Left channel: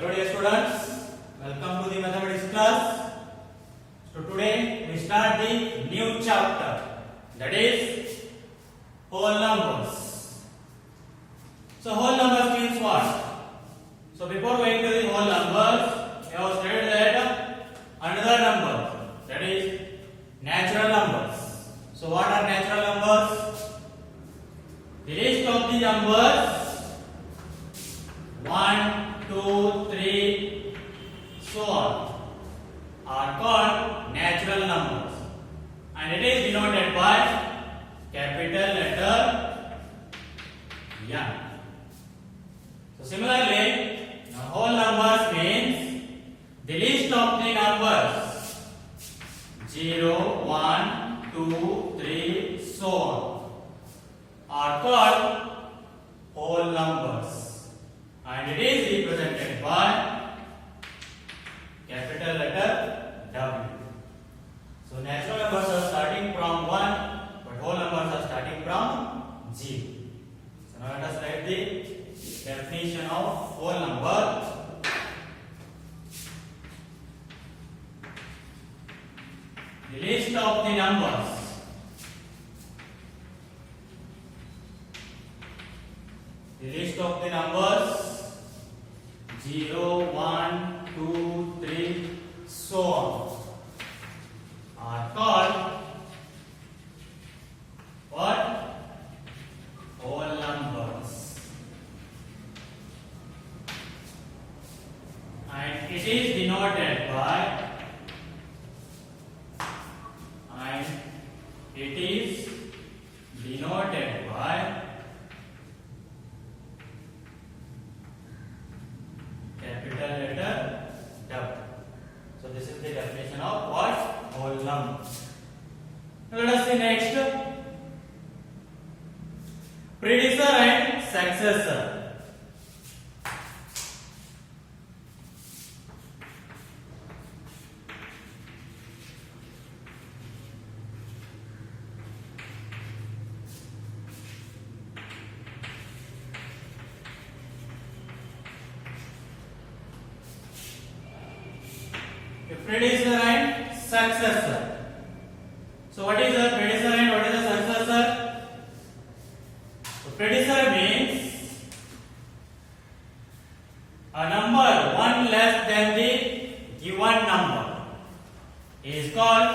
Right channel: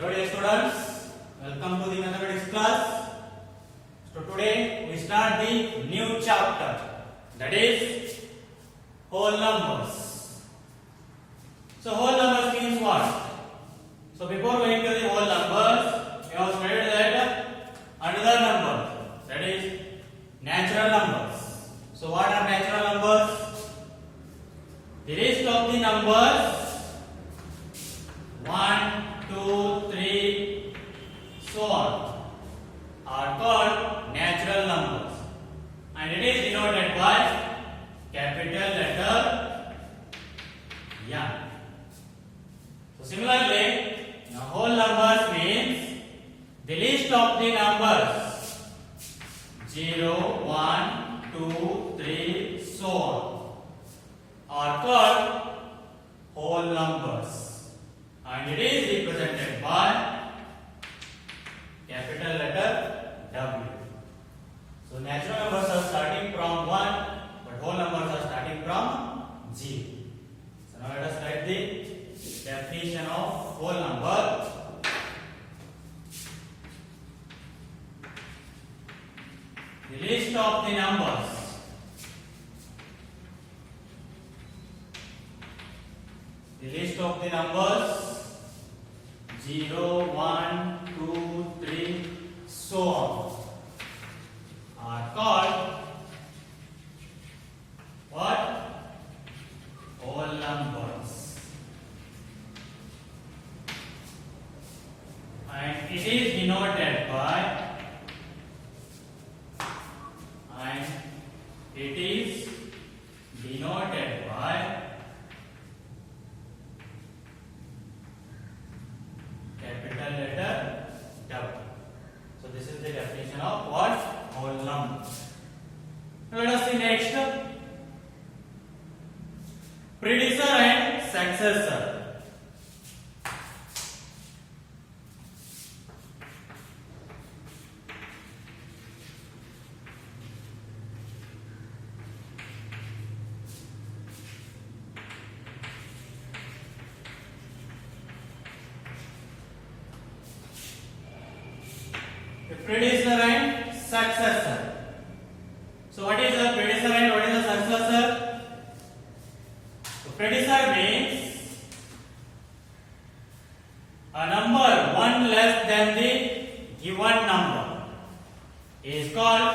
Hello dear students, welcome to the mathematics class. So today we start the new chapter, that is whole numbers. So whole numbers means what? So before going to the whole numbers, we have studied that another number, that is natural numbers. So what are natural numbers? The list of the numbers 1, 2, 3, so on are called natural numbers, and it is denoted by capital letter N. So similarly, now whole numbers means the list of the numbers 0, 1, 2, 3, so on are called whole numbers, and it is represented by capital letter W. So natural numbers are starting from 1, but whole numbers are starting from 0. So now let us write the definition of whole number. The list of the numbers zero, 1, 2, 3, so on are called what? Whole numbers, and it is denoted by capital letter W. So this is the definition of what? Whole number. Let us see next. Predecessor and successor. Predecessor and successor. So what is the predecessor and what is the successor? So predecessor means a number one less than the given number is called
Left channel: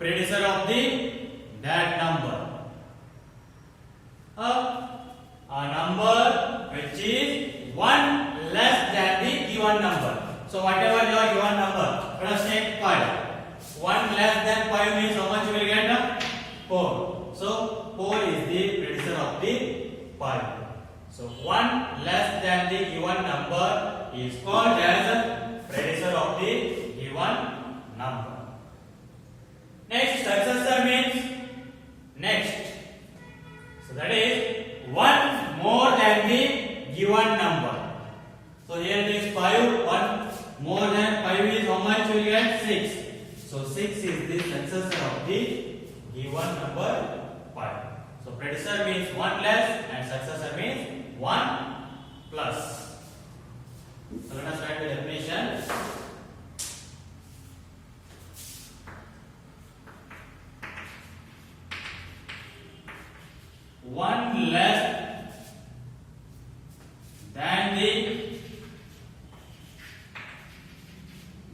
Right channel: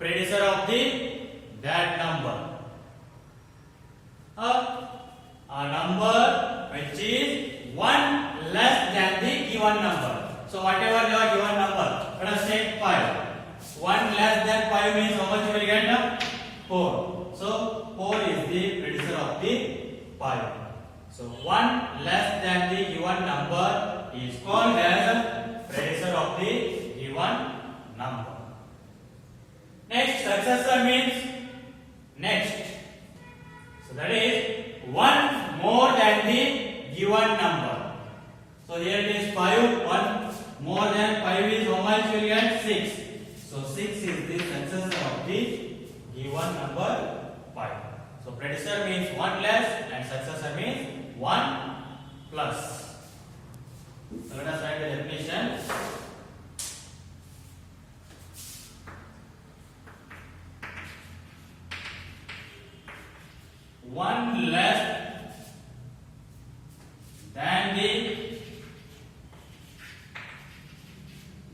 predecessor of that number. A number which is one less than the given number. So whatever your given number, let us take 5. 1 less than 5 means how much you will get? 4. So 4 is the predecessor of the 5. So 1 less than the given number is called as predecessor of the given number. Next, successor means next. So that is 1 more than the given number. So here it is 5, 1 more than 5 is how much you will get? 6. So 6 is the successor of the given number 5. So predecessor means 1 less and successor means 1 plus. So let us write the definition. One less than the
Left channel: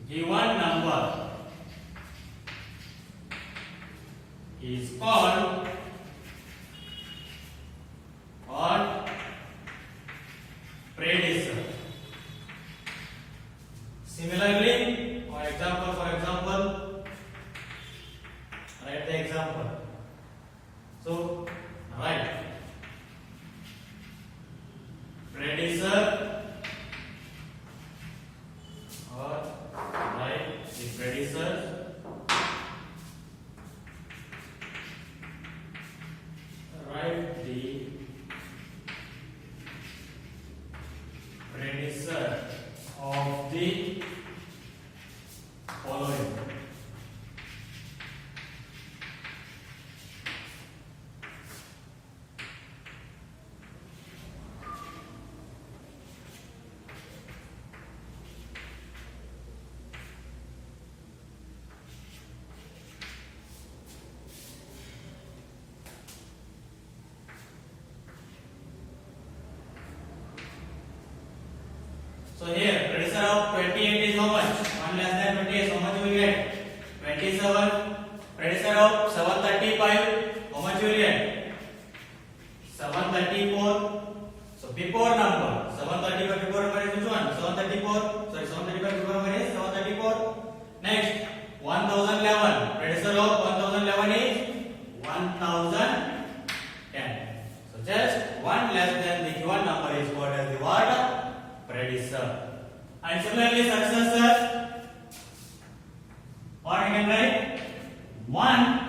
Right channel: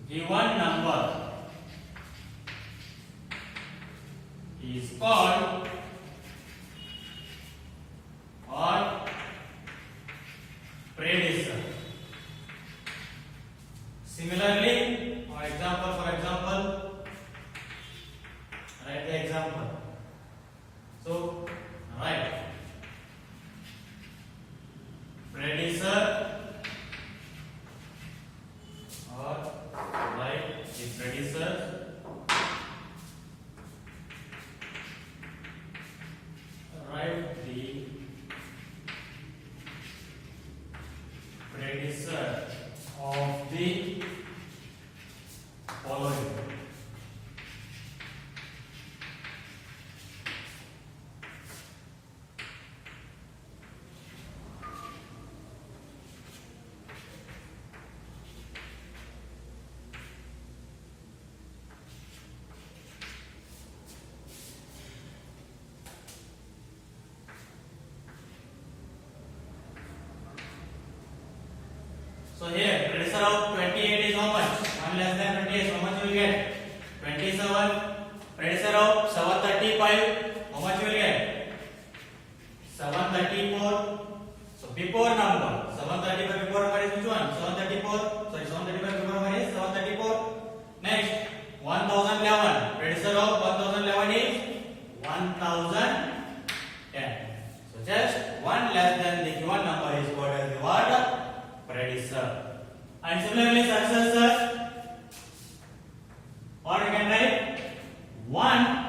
given number is called predecessor. Similarly, for example, write the example. So write predecessor or write the predecessor of the following. So here, predecessor of 28 is how much? 1 less than 28. How much we get? 27. Predecessor of 735. How much we get? 734. So before number, 735 before number is which one? 734. Sorry, 735 before number is 734. Next, 1011. Predecessor of 1011 is 1010. So just one less than the given number is called as the what? Predecessor. And similarly successor. What we can write? One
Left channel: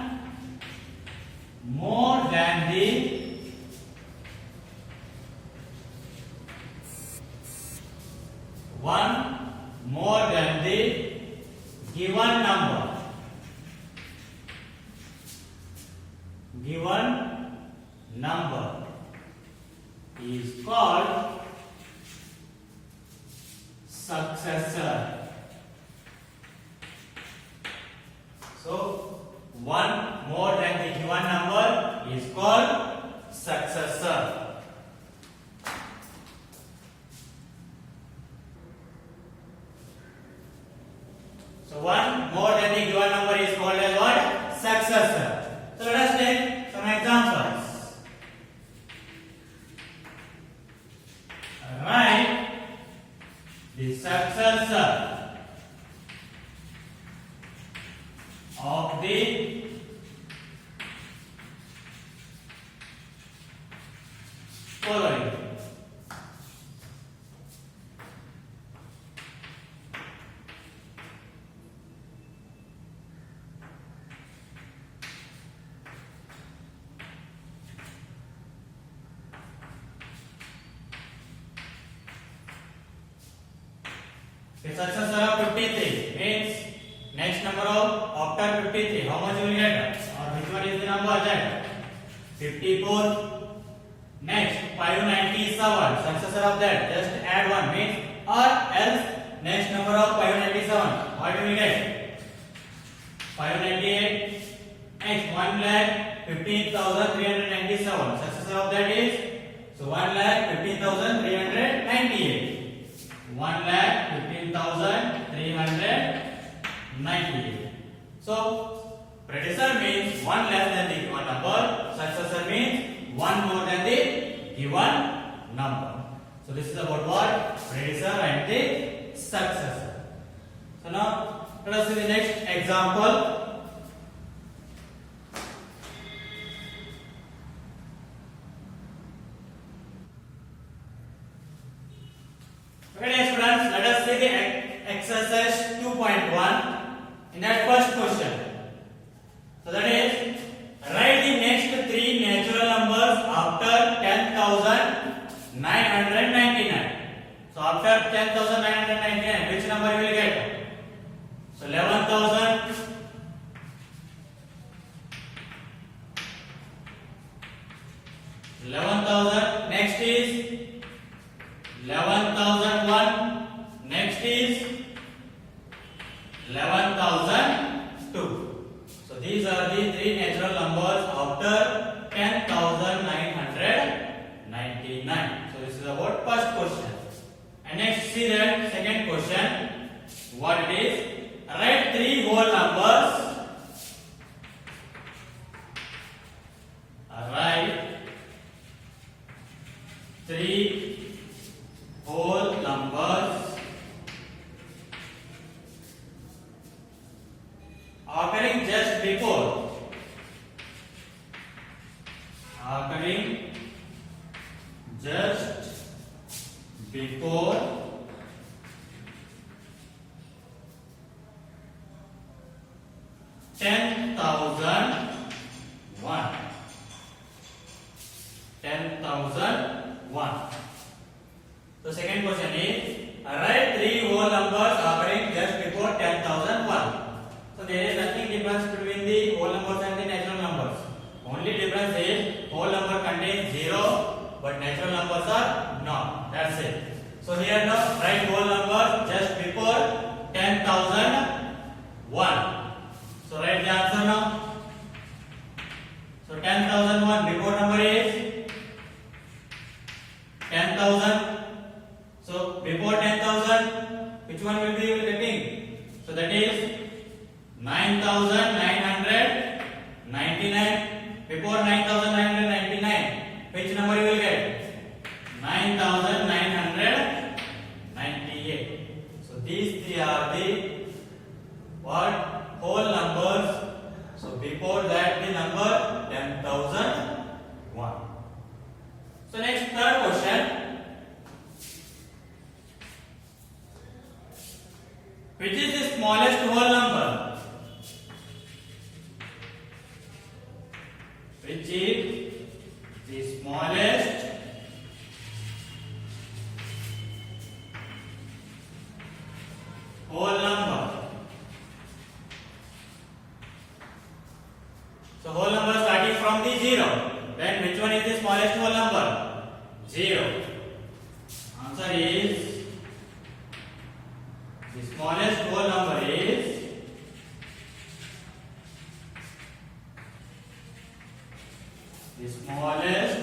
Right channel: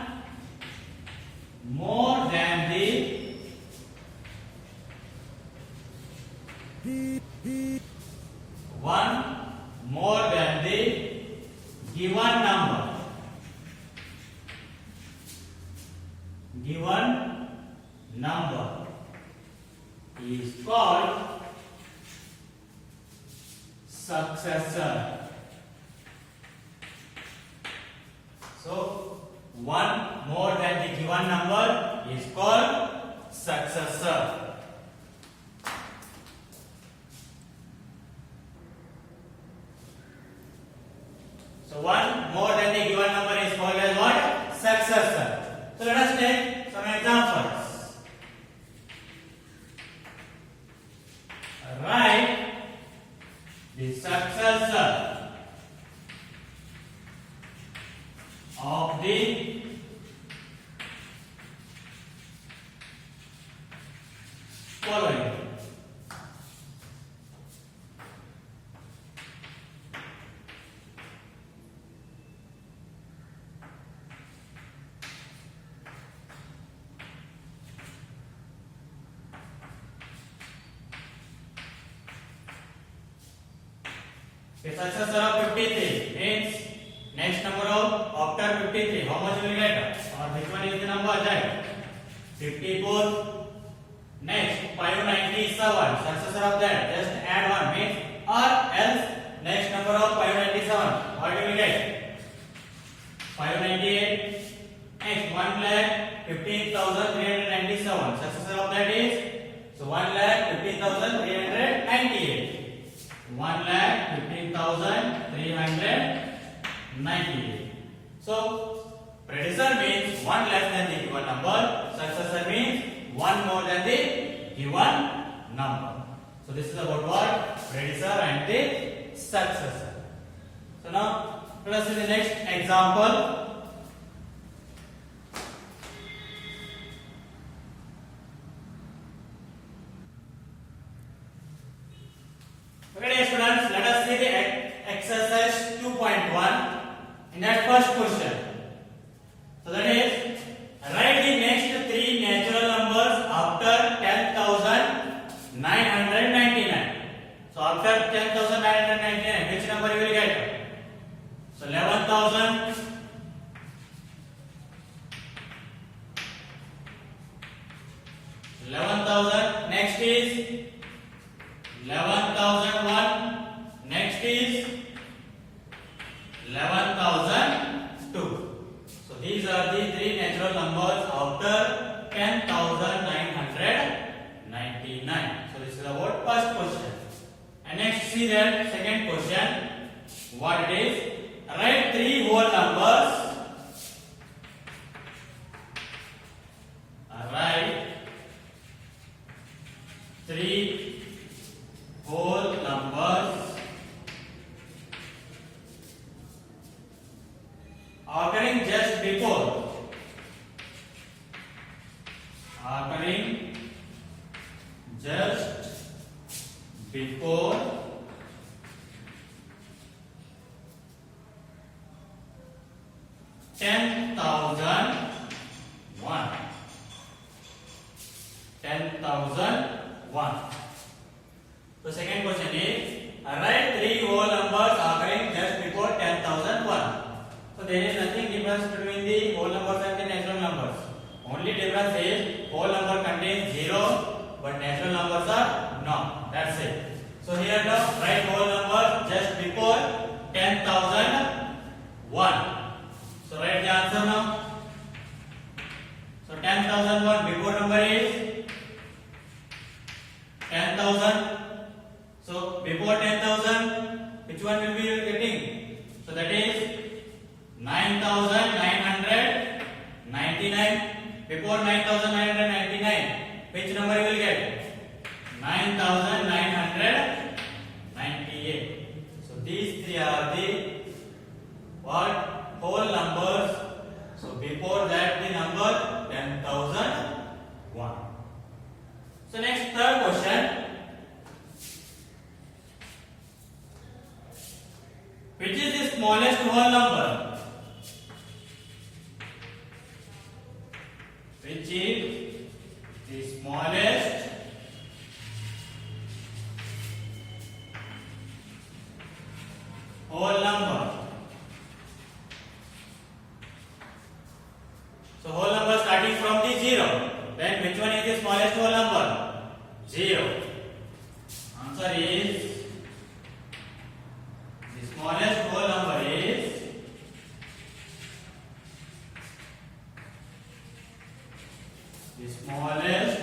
more than the given number. Given number is called successor. So one more than the given number is called successor. So one more than the given number is called as what? Successor. So let us take some examples. Write the successor of the following. The successor of 53 means next number of after 53. How much will get? Or which one is the number that? 54. Next 597. Successor of that. Just add one means or else next number of 597. What do we get? 598. Next 1,15,397. Successor of that is so 1,15,398. 1,15,398. So predecessor means one less than the given number. Successor means one more than the given number. So this is about what? Predecessor and the successor. So now let us see the next example. Okay, students, let us see the exercise 2.1 in that first question. So that is, write the next three natural numbers after 10,999. So after 10,999, which number you will get? So 11,000. 11,000. Next is 11,001. Next is 11,002. So these are the three natural numbers after 10,999. So this is about first question. And next see that second question. What it is? Write three whole numbers. Write three whole numbers occurring just before 10,001. 10,001. The second question is, write three whole numbers occurring just before 10,001. So there is nothing difference between the whole numbers and the natural numbers. Only difference is whole number contains 0, but natural numbers are not. That's it. So here now write whole number just before 10,001. So write the answer now. So 10,001 before number is 10,000. So before 10,000 which is the smallest whole number? Which is the smallest whole number? So whole number starting from the 0. Then which one is the smallest whole number? 0. Answer is the smallest whole number is the smallest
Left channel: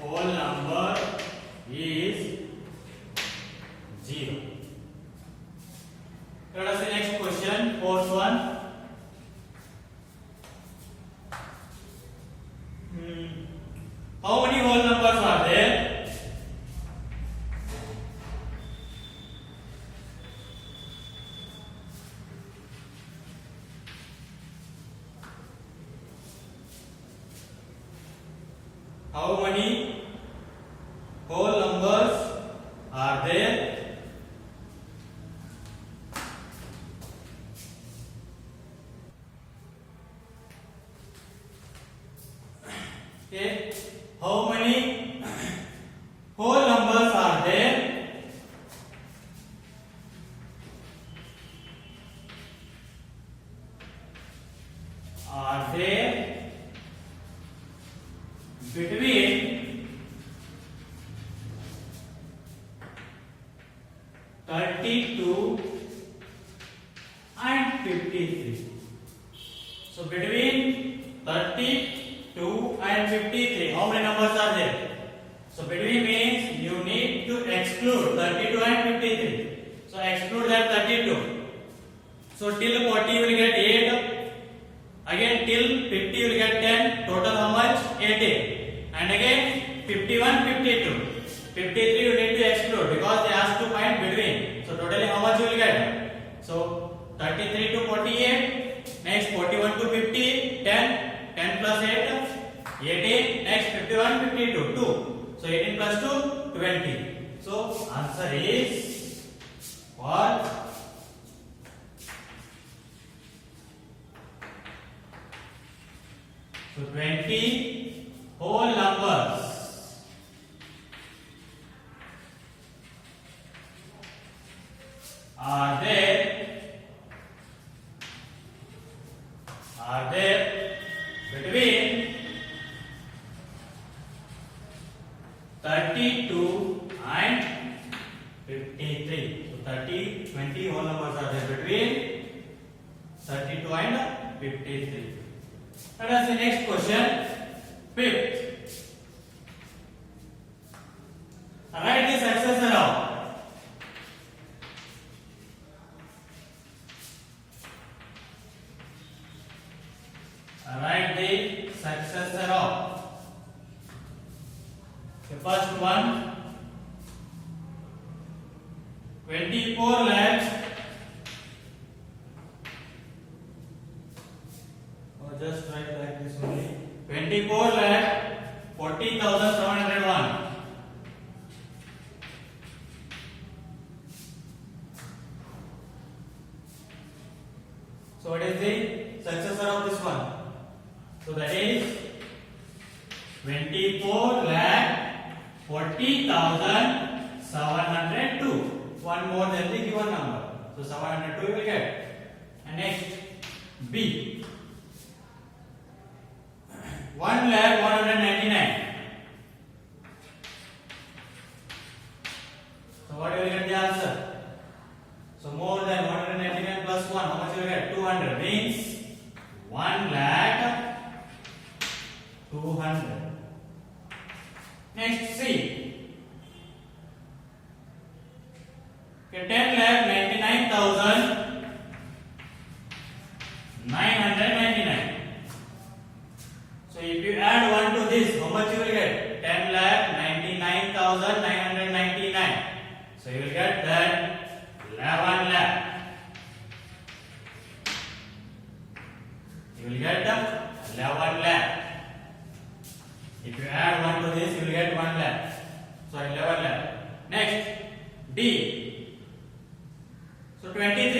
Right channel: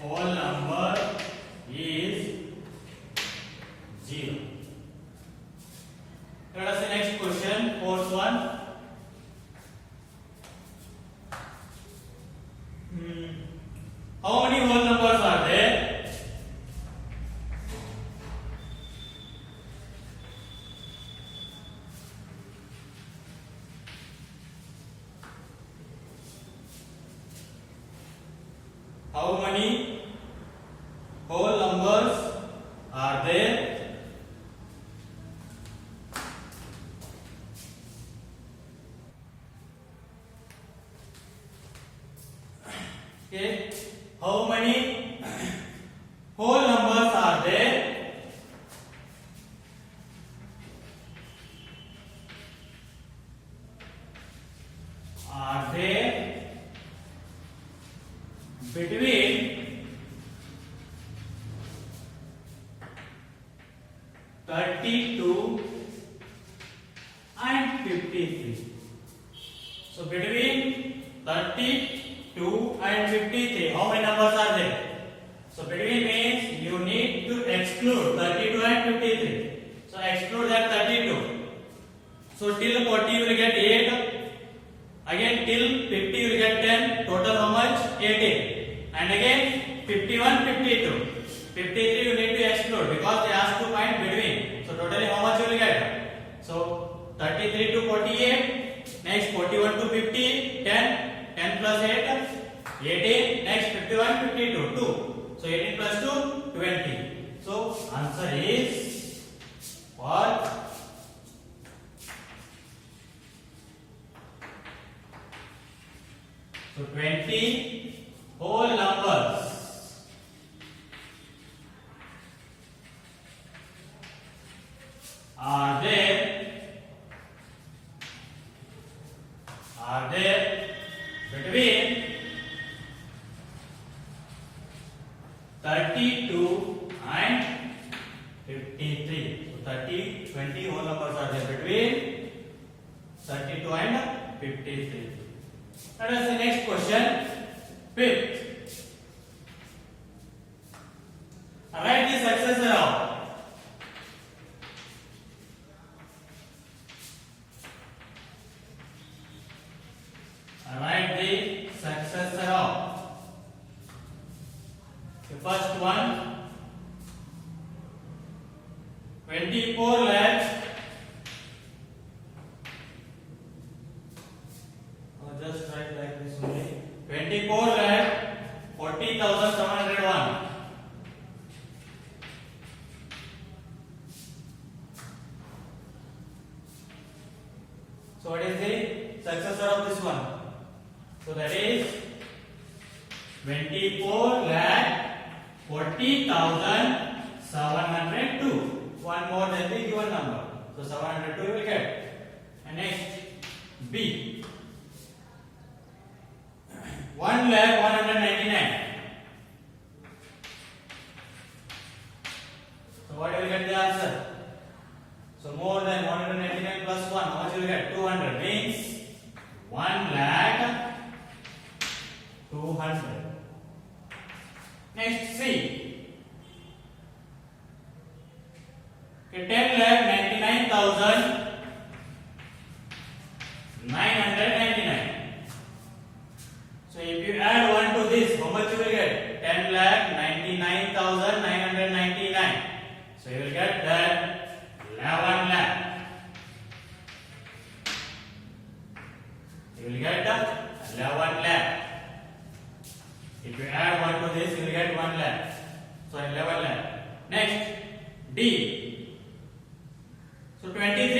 whole number is 0. Let us see next question, fourth one. How many whole numbers are there? How many whole numbers are there? Okay. How many whole numbers are there? Are there between 32 and 53? So between 32 and 53, how many numbers are there? So between means you need to exclude 32 and 53. So exclude that 32. So till 40 you will get 8. Again till 50 you will get 10. Total how much? 18. And again 51, 52. 53 you need to exclude because they ask to find between. So totally how much you will get? So 33 to 48. Next 41 to 50. 10. 10 plus 8. 18. Next 51, 52. 2. So 18 plus 2, 20. So answer is what? So 20 whole numbers are there between 32 and 53. So 20 whole numbers are there between 32 and 53. Let us see next question. Fifth. Write the successor of. Write the successor of. The first one, 24 lakhs. Just write like this only. 24 lakh 40,701. So what is the successor of this one? So that is 24 lakh 40,702. One more than the given number. So 702 you will get. And next B. 1,199,000. So what will you get the answer? So more than 199 plus 1, how much you will get? 200 means 1,200,000. Next C. Okay, 10,99,999. So if you add 1 to this, how much you will get? 10,99,999. So you will get that 11 lakh. You will get 11 lakh. If you add 1 to this, you will get 1 lakh. So 11 lakh. Next D. So 23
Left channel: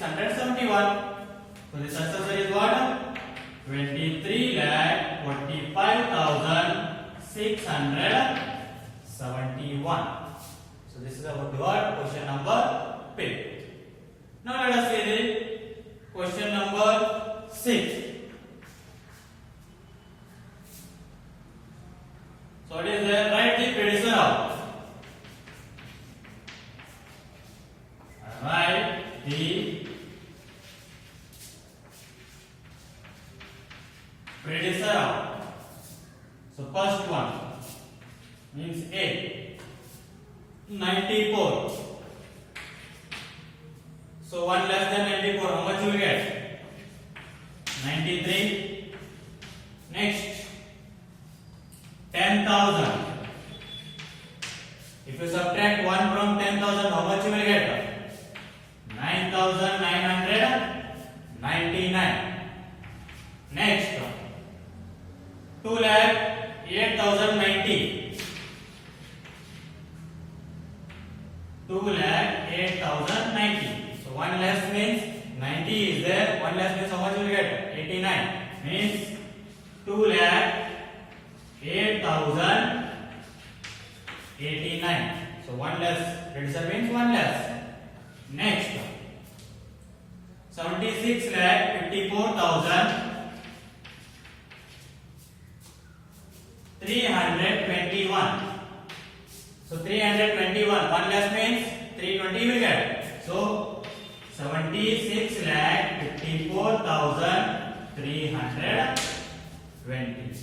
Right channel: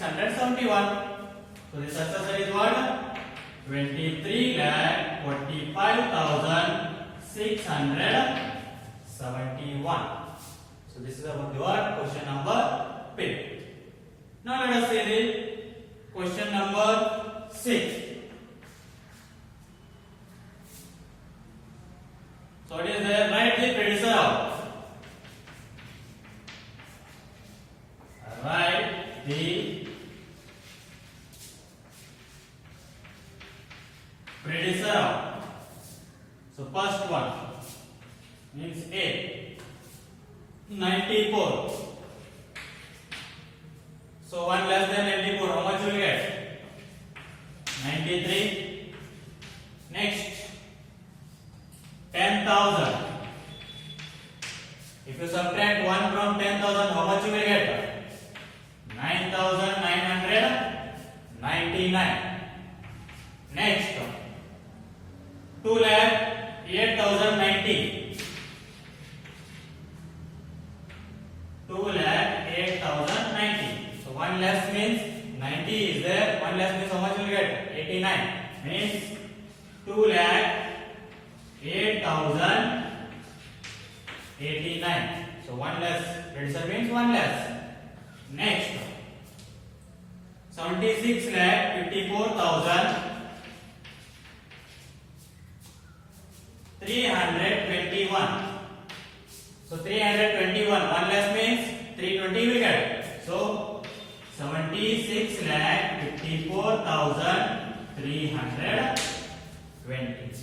671. So the successor is what? 23,45,671. So this is about your question number 5. Now let us see the question number 6. So it is there, write the predecessor out. Write the predecessor out. So first one means A, 94. So 1 less than 94, how much you will get? 93. Next, 10,000. If you subtract 1 from 10,000, how much you will get? 9,999. Next, 2,08,090. 2,08,090. So 1 less means 90 is there. 1 less means how much you will get? 89. Means 2,08,089. So 1 less. Predecessor means 1 less. Next, 76,54,321. So 321, 1 less means 320 will get. So 76,54,320.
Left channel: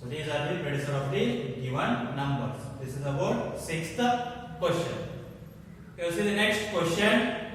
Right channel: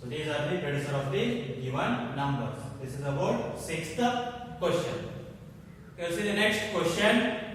So these are the predecessor of the given numbers. This is about 6th question. You see the next question.